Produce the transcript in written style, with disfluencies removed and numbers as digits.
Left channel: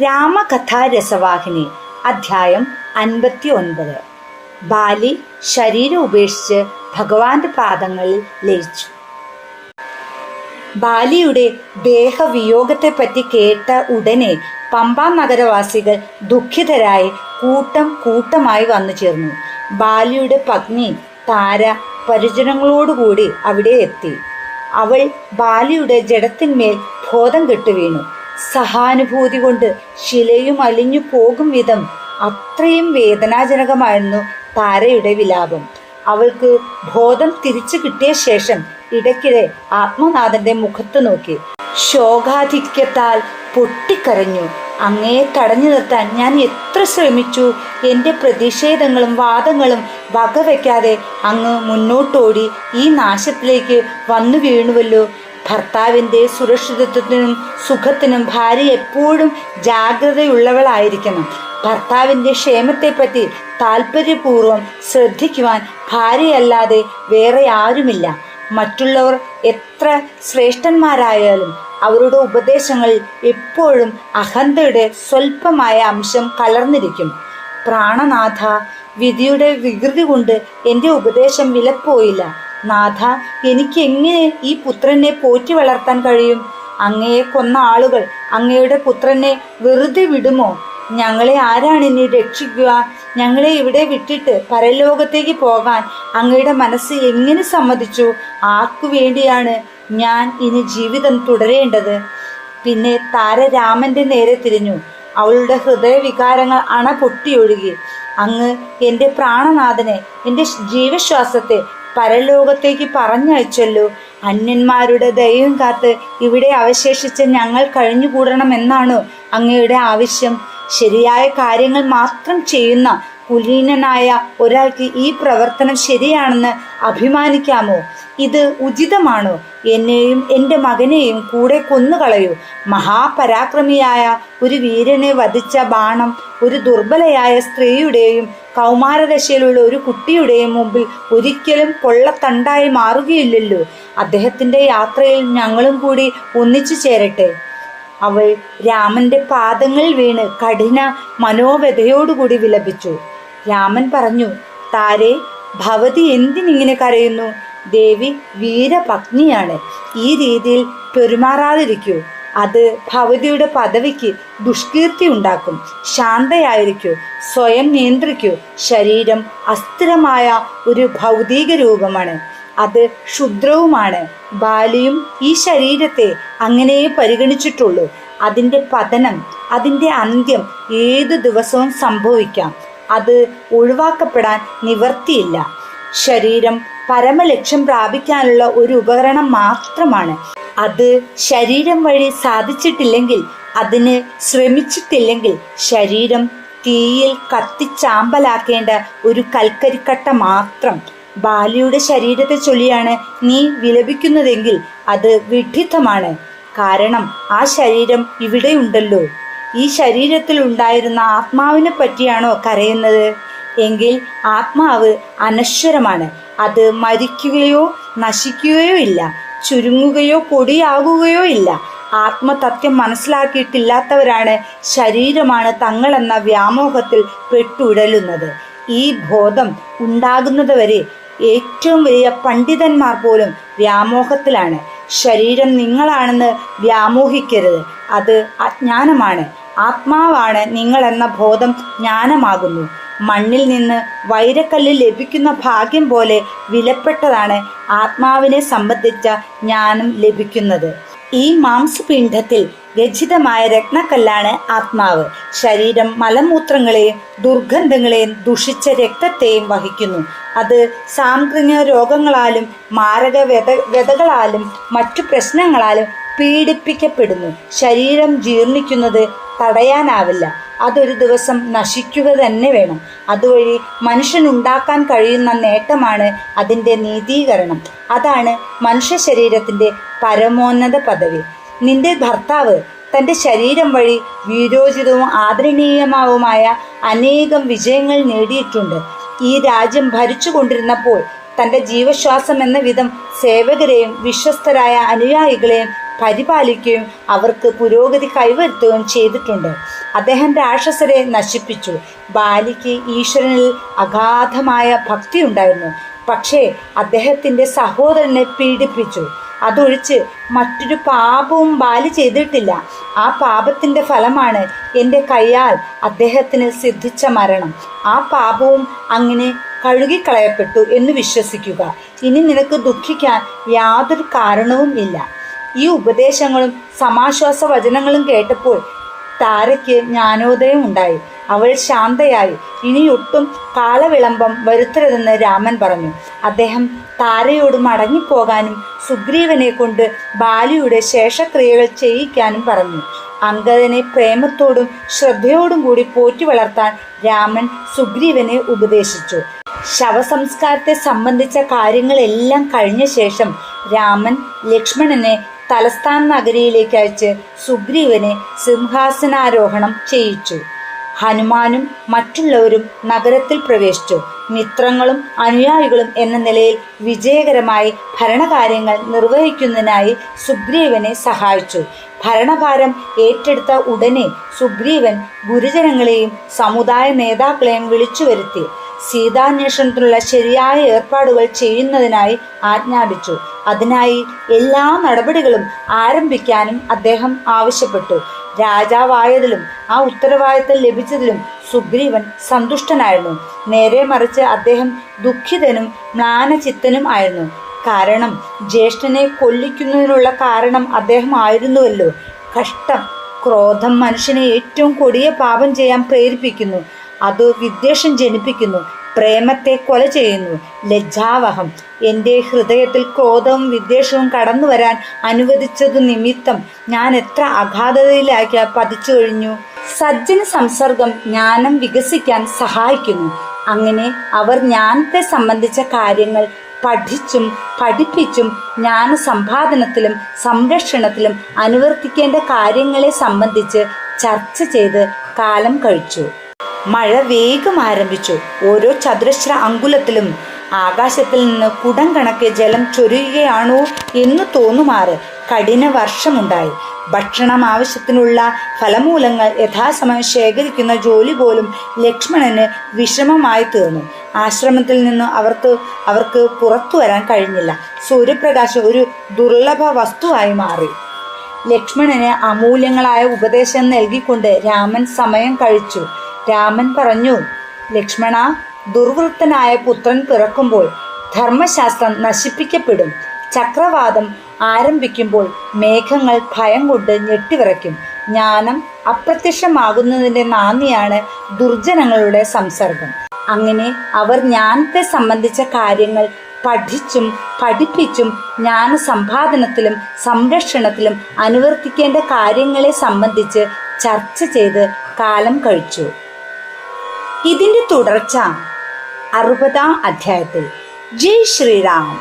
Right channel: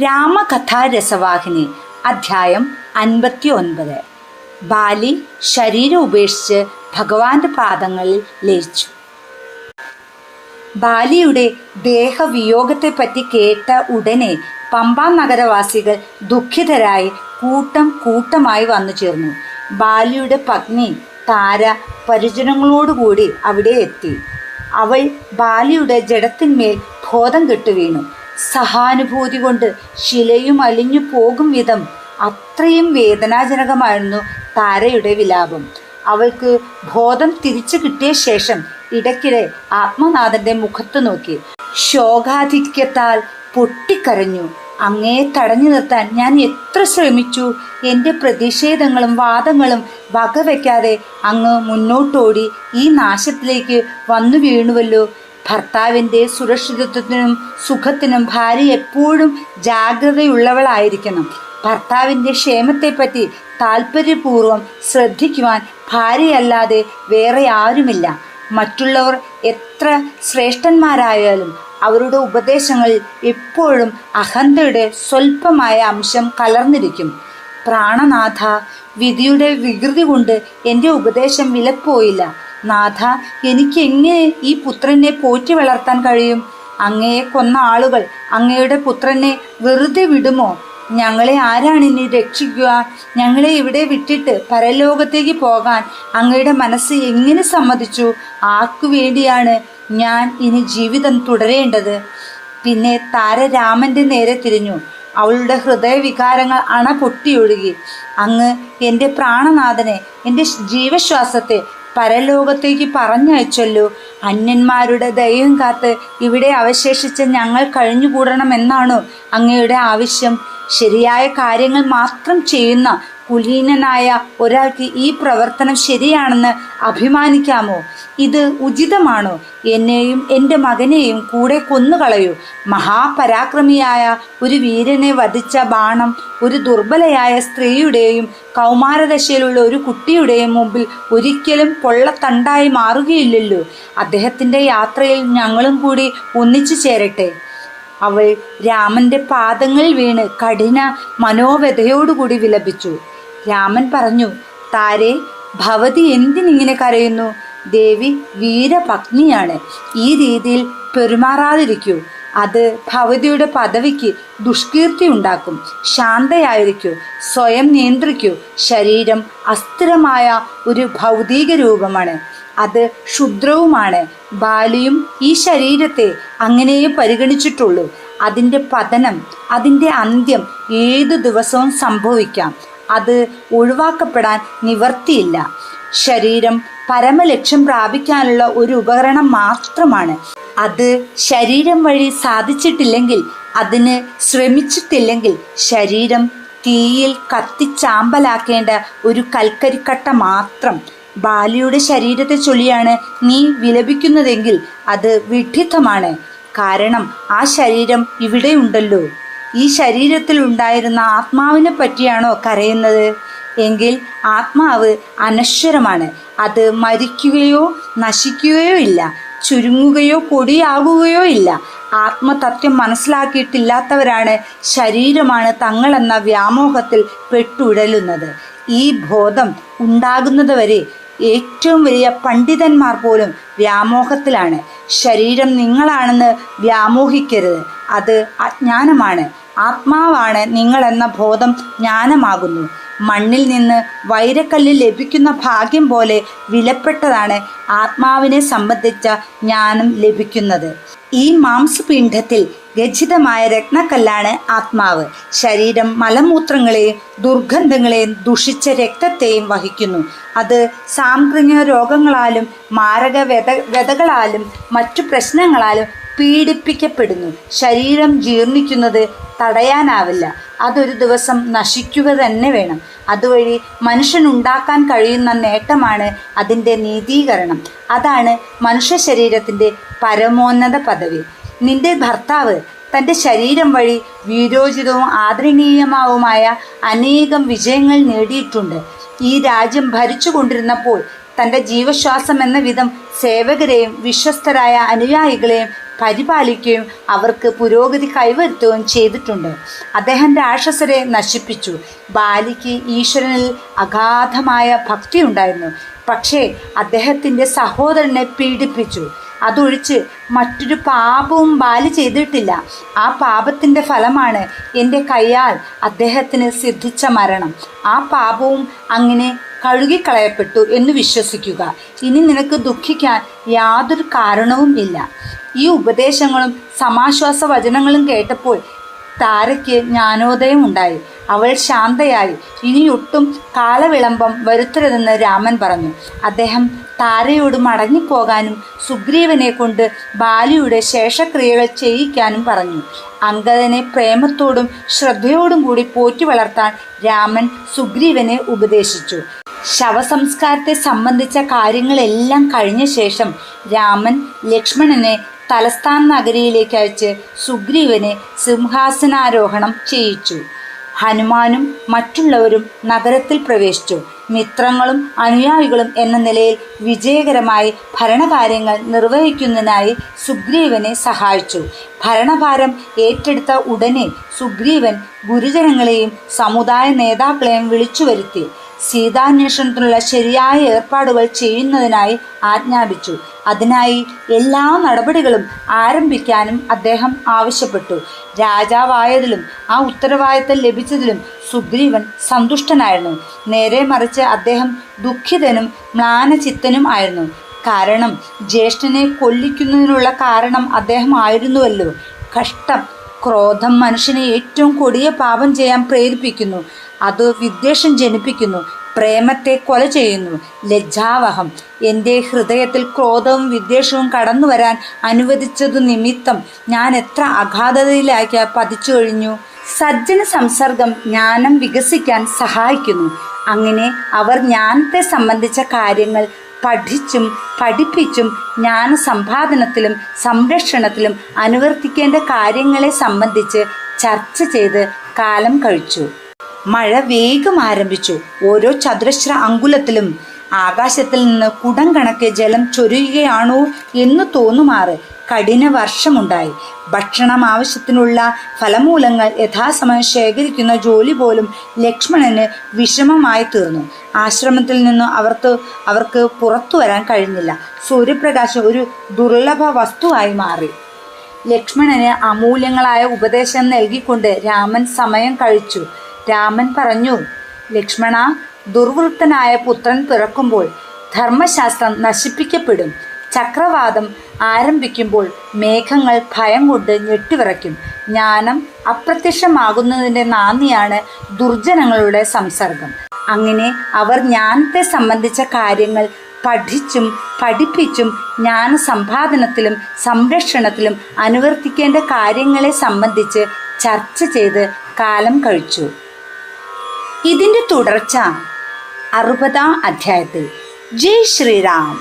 രാമകഥാരസവാഹിനി അധ്യായം 59. ബാലി ശരീരം ഉപേക്ഷിച്ച് ഭഗവാന്റെ പാദങ്ങളിൽ ലയിച്ചു. ബാലിയുടെ ദേഹവിയോഗത്തെപ്പറ്റി കേട്ട ഉടനെ പമ്പാ നഗരവാസികൾ ദുഃഖിതരായി കൂട്ടം കൂട്ടമായി വന്നു ചേർന്നു. ബാലിയുടെ പത്നി താര പരിജനങ്ങളോടുകൂടി അവിടെ എത്തി. അവൾ ബാലിയുടെ ജഡത്തിന്മേൽ ബോധം കെട്ടു വീണു. സഹാനുഭൂതി കൊണ്ട് ശിലയും അലിഞ്ഞു പോകും വിധം അത്രയും വേദനാജനകമായിരുന്നു താരയുടെ വിലാപം. അവൾക്ക് ബോധം തിരിച്ചു കിട്ടിയ ശേഷം ഇടയ്ക്കിടെ ആത്മനാഥന്റെ മുഖത്ത് നോക്കി ശോകാധിക്യത്താൽ പൊട്ടിക്കരഞ്ഞു. അങ്ങയെ തടഞ്ഞു നിർത്താൻ ഞാൻ എത്ര ശ്രമിച്ചു. എൻ്റെ പ്രതിഷേധങ്ങളും വാദങ്ങളും വകവയ്ക്കാതെ അങ്ങ് മുന്നോട്ടോടി ഈ നാശത്തിലേക്ക് വന്നു വീണുവല്ലോ. ഭർത്താവിൻ്റെ സുരക്ഷിതത്വത്തിനും സുഖത്തിനും ഭാര്യ എപ്പോഴും ജാഗ്രതയുള്ളവളായിരിക്കണം. ഭർത്താവിൻ്റെ ക്ഷേമത്തെപ്പറ്റി താല്പര്യപൂർവ്വം ശ്രദ്ധിക്കുവാൻ ഭാര്യയല്ലാതെ വേറെ ആരുമില്ല. മറ്റുള്ളവർ എത്ര ശ്രേഷ്ഠന്മാരായാലും അവരുടെ ഉപദേശങ്ങളിൽ എപ്പോഴും അഹന്തയുടെ സ്വല്പമായ അംശം കലർന്നിരിക്കും. പ്രാണനാഥ, വിധിയുടെ വികൃതി കൊണ്ട് എൻ്റെ ഉപദേശം വിലപ്പോയില്ല. നാഥ, എനിക്ക് എങ്ങനെ ഈ പുത്രനെ പോറ്റി വളർത്താൻ കഴിയും? അങ്ങയെ കൊന്ന ആളുകൾ അങ്ങയുടെ പുത്രനെ വെറുതെ വിടുമോ? ഞങ്ങളെ ആരാണ് ഇനി രക്ഷിക്കുക? ഞങ്ങളെ ഇവിടെ വിട്ടിട്ട് പരലോകത്തേക്ക് പോകാൻ അങ്ങയുടെ മനസ്സ് എങ്ങനെ സമ്മതിച്ചു? ആർക്കു വേണ്ടിയാണ് ഞാൻ ഇനി ജീവിതം തുടരേണ്ടത്? പിന്നെ താര രാമന്റെ നേരെ തിരിഞ്ഞു. അവളുടെ ഹൃദയവികാരങ്ങൾ അണ പൊട്ടിയൊഴുകി. അങ്ങ് എൻ്റെ പ്രാണനാഥനെ, എൻ്റെ ജീവശ്വാസത്തെ പരലോകത്തേക്ക് പറഞ്ഞയച്ചല്ലോ. അന്യന്മാരുടെ ദയവും കാത്ത് ഇവിടെ അവശേഷിച്ച ഞങ്ങൾ കഴിഞ്ഞുകൂടണമെന്നാണോ അങ്ങയുടെ ആവശ്യം? ശരിയായ കാര്യങ്ങൾ മാത്രം ചെയ്യുന്ന കുലീനനായ ഒരാൾക്ക് ഈ പ്രവർത്തനം ശരിയാണെന്ന് അഭിമാനിക്കാമോ? ഇത് ഉചിതമാണോ? എന്നെയും എൻ്റെ മകനെയും കൂടെ കൊന്നുകളയൂ. മഹാപരാക്രമിയായ ഒരു വീരനെ വധിച്ച ബാണം ഒരു ദുർബലയായ സ്ത്രീയുടെയും കൗമാരദശയിലുള്ള ഒരു കുട്ടിയുടെയും മുമ്പിൽ ഒരിക്കലും പൊള്ളത്തണ്ടായി മാറുകയില്ലല്ലോ. അദ്ദേഹത്തിൻ്റെ യാത്രയിൽ ഞങ്ങളും കൂടി ഒന്നിച്ചു ചേരട്ടെ. അവൾ രാമന്റെ പാദങ്ങളിൽ വീണ് കഠിന മനോവ്യതയോടുകൂടി വിലപിച്ചു. രാമൻ പറഞ്ഞു, താരേ, ഭവതി എന്തിനിങ്ങനെ കരയുന്നു? ദേവി വീരപത്നിയാണ്. ഈ രീതിയിൽ പെരുമാറാതിരിക്കൂ. അത് ഭവതിയുടെ പദവിക്ക് ദുഷ്കീർത്തി ഉണ്ടാക്കും. ശാന്തയായിരിക്കൂ, സ്വയം നിയന്ത്രിക്കൂ. ശരീരം അസ്ഥിരമായ ഒരു ഭൗതിക രൂപമാണ്. അത് ക്ഷുദ്രവുമാണ്. ബാലിയും ഈ ശരീരത്തെ അങ്ങനെയേ പരിഗണിച്ചിട്ടുള്ളൂ. അതിൻ്റെ പതനം, അതിൻ്റെ അന്ത്യം ഏതു ദിവസവും സംഭവിക്കാം. അത് ഒഴിവാക്കപ്പെടാൻ നിവർത്തിയില്ല. ശരീരം പരമലക്ഷ്യം പ്രാപിക്കാനുള്ള ഒരു ഉപകരണം മാത്രമാണ്. അത് ശരീരം വഴി സാധിച്ചിട്ടില്ലെങ്കിൽ, അതിന് ശ്രമിച്ചിട്ടില്ലെങ്കിൽ, ശരീരം തീയിൽ കത്തിച്ചാമ്പലാക്കേണ്ട ഒരു കൽക്കരിക്കട്ട മാത്രം. ബാലിയുടെ ശരീരത്തെ ചൊല്ലിയാണ് നീ വിലപിക്കുന്നതെങ്കിൽ അത് വിഡ്ഢിത്തമാണ്. കാരണം ആ ശരീരം ഇവിടെയുണ്ടല്ലോ. ഈ ശരീരത്തിൽ ഉണ്ടായിരുന്ന ആത്മാവിനെ പറ്റിയാണോ കരയുന്നത്? എങ്കിൽ ആത്മാവ് അനശ്വരമാണ്. അത് മരിക്കുകയോ നശിക്കുകയോ ഇല്ല, ചുരുങ്ങുകയോ പൊടിയാകുകയോ ഇല്ല. ആത്മതത്വം മനസ്സിലാക്കിയിട്ടില്ലാത്തവരാണ് ശരീരമാണ് തങ്ങളെന്ന വ്യാമോഹത്തിൽ പെട്ടുഴലുന്നത്. ഈ ബോധം ഉണ്ടാകുന്നതുവരെ ഏറ്റവും വലിയ പണ്ഡിതന്മാർ പോലും വ്യാമോഹത്തിലാണ്. ശരീരം നിങ്ങളാണെന്ന് വ്യാമോഹിക്കരുത്. അത് അജ്ഞാനമാണ്. ആത്മാവാണ് നിങ്ങളെന്ന ബോധം ജ്ഞാനമാകുന്നു. മണ്ണിൽ നിന്ന് വൈരക്കല്ല് ലഭിക്കുന്ന ഭാഗ്യം പോലെ വിലപ്പെട്ടതാണ് ആത്മാവിനെ സംബന്ധിച്ച ജ്ഞാനം ലഭിക്കുന്നത്. ഈ മാംസപിണ്ഡത്തിൽ രചിതമായ രത്നക്കല്ലാണ് ആത്മാവ്. ശരീരം മലമൂത്രങ്ങളെയും ദുർഗന്ധങ്ങളെയും ദുഷിച്ച രക്തത്തെയും വഹിക്കുന്നു. അത് സാംക്രമിക രോഗങ്ങളാലും മാരക വ്യതകളാലും മറ്റു പ്രശ്നങ്ങളാലും പീഡിപ്പിക്കപ്പെടുന്നു. ശരീരം ജീർണിക്കുന്നത് തടയാനാവില്ല. അതൊരു ദിവസം നശിക്കുക തന്നെ വേണം. അതുവഴി മനുഷ്യനുണ്ടാക്കാൻ കഴിയുന്ന നേട്ടമാണ് അതിൻ്റെ നീതീകരണം. അതാണ് മനുഷ്യ ശരീരത്തിൻ്റെ പരമോന്നത പദവി. നിന്റെ ഭർത്താവ് തൻ്റെ ശരീരം വഴി വീരോചിതവും ആദരണീയമാവുമായ അനേകം വിജയങ്ങൾ നേടിയിട്ടുണ്ട്. ഈ രാജ്യം ഭരിച്ചു കൊണ്ടിരുന്നപ്പോൾ തൻ്റെ ജീവശ്വാസം എന്ന വിധം സേവകരെയും വിശ്വസ്തരായ അനുയായികളെയും പരിപാലിക്കുകയും അവർക്ക് പുരോഗതി കൈവരുത്തുകയും ചെയ്തിട്ടുണ്ട്. അദ്ദേഹം രാക്ഷസരെ നശിപ്പിച്ചു. ബാലിക്ക് ഈശ്വരനിൽ അഗാധമായ ഭക്തിയുണ്ടായിരുന്നു. പക്ഷേ അദ്ദേഹത്തിൻ്റെ സഹോദരനെ പീഡിപ്പിച്ചു. അതൊഴിച്ച് മറ്റൊരു പാപവും ബാലി ചെയ്തിട്ടില്ല. ആ പാപത്തിൻ്റെ ഫലമാണ് എൻ്റെ കയ്യാൽ അദ്ദേഹത്തിന് സിദ്ധിച്ച മരണം. ആ പാപവും അങ്ങനെ കഴുകിക്കളയപ്പെട്ടു എന്ന് വിശ്വസിക്കുക. ഇനി നിനക്ക് ദുഃഖിക്കാൻ യാതൊരു കാരണവും ഇല്ല. ഈ ഉപദേശങ്ങളും സമാശ്വാസ വചനങ്ങളും കേട്ടപ്പോൾ താരയ്ക്ക് ജ്ഞാനോദയം ഉണ്ടായി. അവൾ ശാന്തയായി. ഇനിയൊട്ടും കാലവിളംബം വരുത്തരുതെന്ന് രാമൻ പറഞ്ഞു. അദ്ദേഹം താരയോട് മടങ്ങിപ്പോകാനും സുഗ്രീവനെ കൊണ്ട് ബാലിയുടെ ശേഷക്രിയകൾ ചെയ്യിക്കാനും പറഞ്ഞു. അംഗദനെ പ്രേമത്തോടും ശ്രദ്ധയോടും കൂടി പോറ്റി വളർത്താൻ രാമൻ സുഗ്രീവനെ ഉപദേശിച്ചു. ശവസംസ്കാരത്തെ സംബന്ധിച്ച കാര്യങ്ങളെല്ലാം കഴിഞ്ഞ ശേഷം രാമൻ ലക്ഷ്മണനെ തലസ്ഥാന നഗരിയിലേക്ക് അയച്ച് സുഗ്രീവനെ സിംഹാസനാരോഹണം ചെയ്യിച്ചു. ഹനുമാനും മറ്റുള്ളവരും നഗരത്തിൽ പ്രവേശിച്ചു. മിത്രങ്ങളും അനുയായികളും എന്ന നിലയിൽ വിജയകരമായി ഭരണകാര്യങ്ങൾ നിർവഹിക്കുന്നതിനായി സുഗ്രീവനെ സഹായിച്ചു. ഭരണഭാരം ഏറ്റെടുത്ത ഉടനെ സുഗ്രീവൻ ഗുരുജനങ്ങളെയും സമുദായ നേതാക്കളെയും വിളിച്ചു വരുത്തി സീതാന്വേഷണത്തിനുള്ള ശരിയായ ഏർപ്പാടുകൾ ചെയ്യുന്നതിനായി ആജ്ഞാപിച്ചു. അതിനായി എല്ലാ നടപടികളും ആരംഭിക്കാനും അദ്ദേഹം ആവശ്യപ്പെട്ടു. രാജാവായതിലും ആ ഉത്തരവാദിത്തം ലഭിച്ചതിലും സുഗ്രീവൻ സന്തുഷ്ടനായിരുന്നു. നേരെ മറിച്ച് അദ്ദേഹം ദുഃഖിതനും മ്ലാനചിത്തനും ആയിരുന്നു. കാരണം ജ്യേഷ്ഠനെ കൊല്ലിക്കുന്നതിനുള്ള കാരണം അദ്ദേഹം ആയിരുന്നുവല്ലോ. കഷ്ടം! ക്രോധം മനുഷ്യനെ ഏറ്റവും കൊടിയ പാപം ചെയ്യാൻ പ്രേരിപ്പിക്കുന്നു. അത് വിദ്വേഷം ജനിപ്പിക്കുന്നു. പ്രേമത്തെ കൊല ചെയ്യുന്നു. ലജ്ജാവഹം! എൻ്റെ ഹൃദയത്തിൽ ക്രോധവും വിദ്വേഷവും കടന്നു വരാൻ അനുവദിച്ചതു നിമിത്തം ഞാൻ എത്ര അഗാധതയിലേക്ക് പതിച്ചു കഴിഞ്ഞു. സജ്ജന സംസർഗം ജ്ഞാനം വികസിക്കാൻ സഹായിക്കുന്നു. അങ്ങനെ അവർ ജ്ഞാനത്തെ സംബന്ധിച്ച കാര്യങ്ങൾ പഠിച്ചും പഠിപ്പിച്ചും ജ്ഞാന സമ്പാദനത്തിലും സംരക്ഷണത്തിലും അനുവർത്തിക്കേണ്ട കാര്യങ്ങളെ സംബന്ധിച്ച് ചർച്ച ചെയ്ത് കാലം കഴിച്ചു. മഴ വേഗം ആരംഭിച്ചു. ഓരോ ചതുരശ്ര അങ്കുലത്തിലും ആകാശത്തിൽ നിന്ന് കുടം കണക്കെ ജലം ചൊരിയുകയാണോ എന്ന് തോന്നുമാറ് കഠിന വർഷമുണ്ടായി. ഭക്ഷണം ആവശ്യത്തിനുള്ള ഫലമൂലങ്ങൾ യഥാസമയം ശേഖരിക്കുന്ന ജോലി പോലും ലക്ഷ്മണന് വിഷമമായി തീർന്നു. ആശ്രമത്തിൽ നിന്ന് അവർക്ക് പുറത്തു വരാൻ കഴിഞ്ഞില്ല. സൂര്യപ്രകാശം ഒരു ദുർലഭ വസ്തുവായി മാറി. ലക്ഷ്മണന് അമൂല്യങ്ങളായ ഉപദേശം നൽകിക്കൊണ്ട് രാമൻ സമയം കഴിച്ചു. രാമൻ പറഞ്ഞു, ലക്ഷ്മണ, ദുർവൃത്തനായ പുത്രൻ പിറക്കുമ്പോൾ ധർമ്മശാസ്ത്രം നശിപ്പിക്കപ്പെടും. ചക്രവാതം ആരംഭിക്കുമ്പോൾ മേഘങ്ങൾ ഭയം കൊണ്ട് ഞെട്ടിവിറയ്ക്കും. ജ്ഞാനം അപ്രത്യക്ഷമാകുന്നതിൻ്റെ നാന്ദിയാണ് ദുർജനങ്ങളുടെ സംസർഗം. അങ്ങനെ അവർ ജ്ഞാനത്തെ സംബന്ധിച്ച കാര്യങ്ങൾ പഠിച്ചും പഠിപ്പിച്ചും ജ്ഞാന സമ്പാദനത്തിലും സംരക്ഷണത്തിലും അനുവർത്തിക്കേണ്ട കാര്യങ്ങളെ സംബന്ധിച്ച് ചർച്ച ചെയ്ത് കാലം കഴിച്ചു. ഇതിൻ്റെ തുടർച്ച 60-ാം അധ്യായത്തിൽ. ജയ് ശ്രീറാം.